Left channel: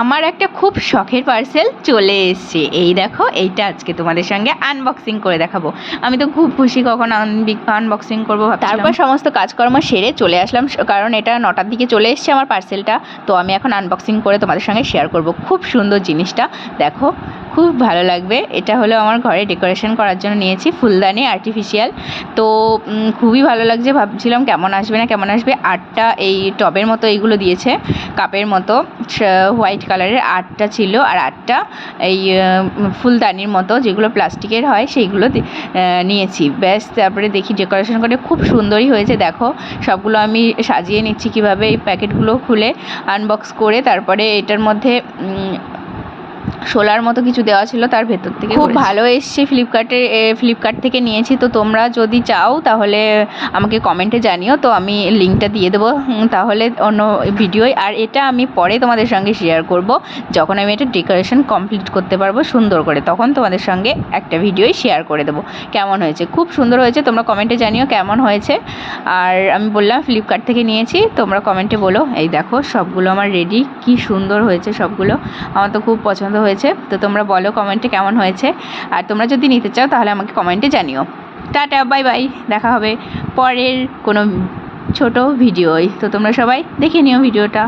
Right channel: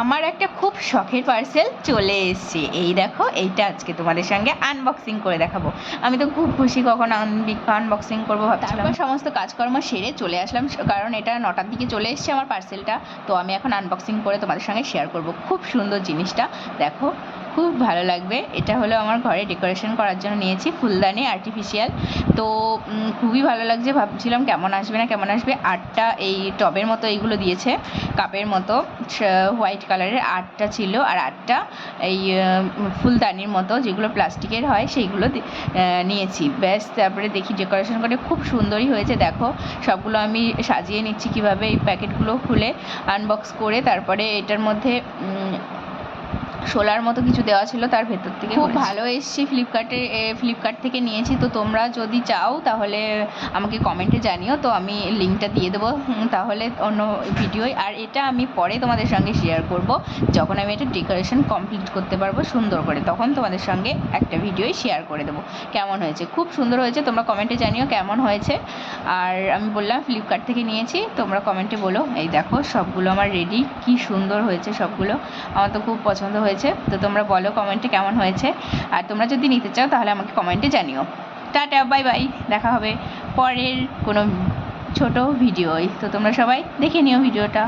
আমার একটা খুব শখের পার্সেল চলে এসছে। এই দেখো, এইটা আজকে তোমাদের সঙ্গে আনবক্সিং করে দেখাবো। আমি তো খুব খুশি কখন আনবক্সিং করব তারপর সমস্ত কাজকর্ম সেরে চলে আসলাম কারণ এটা নটার দিকে চলে এসছে আমার পার্সেলটা তো আমি এখন আনবক্সিং করে তোমাদের সঙ্গে শেয়ার করব। খুব সুন্দর জিনিসটা, দেখো। খুব ভালো লাগবে। এটা হলো আমার ঘরে ডেকোরেশন করার জন্য নিয়েছি ফুলদানি আর্টিফিশিয়াল তো খুবই ভালো লাগছে। ভাবছিলাম কেমন আসবে না, কেমন আসবে? আটটা এই টবের মতো এইগুলো দিয়েছে, কাপের মতো। হোয়াইট কালারের আটটা ছিল আর আটটা এই ফুলদানির মতো যেগুলো প্লাস্টিকের হয়, সেইগুলো নিয়েছি। ব্যাস, তারপরে দেখি ডেকোরেশন করে খুব সুন্দরই হয়েছে। দেখো, সবগুলো আমি সাজিয়ে নিচ্ছি কীভাবে এই প্যাকেটগুলো খুলে আনবক্স করে, তারপরে এটার মধ্যে শোলার মতো কিছু দেওয়া ছিল তার ভেতর থেকে খুব ভালো এসছে ফ্লিপকার্টে ফ্লিপকার্ট থেকে নিয়েছি। তো তোমরা যদি চাও তাহলে আমাকে কমেন্টে জানিও। তো আমি লিঙ্কটা দিয়ে দেবো তাহলে অন্য ভিডিওয়। আর এটা আমি পরে তোমাদের সঙ্গে শেয়ার করব। যখন আমি এটা ডেকোরেশন কমপ্লিট করতে পারব সুন্দর করে তখন তোমাদের সঙ্গে একটা ভিডিওই শেয়ার করে দেবো। কেমন হয়েছে? খুব সুন্দর হয়েছে। তোমরা কমেন্টে জানিও কেমন হয়েছে। আর আমি বললাম ফ্লিপকার্ট থেকে নিয়েছি। তোমরা কমেন্টে বলো এই দেখো সবগুলো আমার রেডি কি সুন্দর হয়েছে সবগুলো। আমার তো খুব পছন্দ হয়েছে। তো তোমরা বলো কমেন্টে কেমন হয়েছে। আর তোমরা যদি নিতে চাও, তাহলে আমাকে কমেন্টে জানিও। Tata, bye bye. দেখা হবে পরের কোনো ছোট ভিডিওই তো তোমরা সবাই দেখে নিও ভিডিওটা।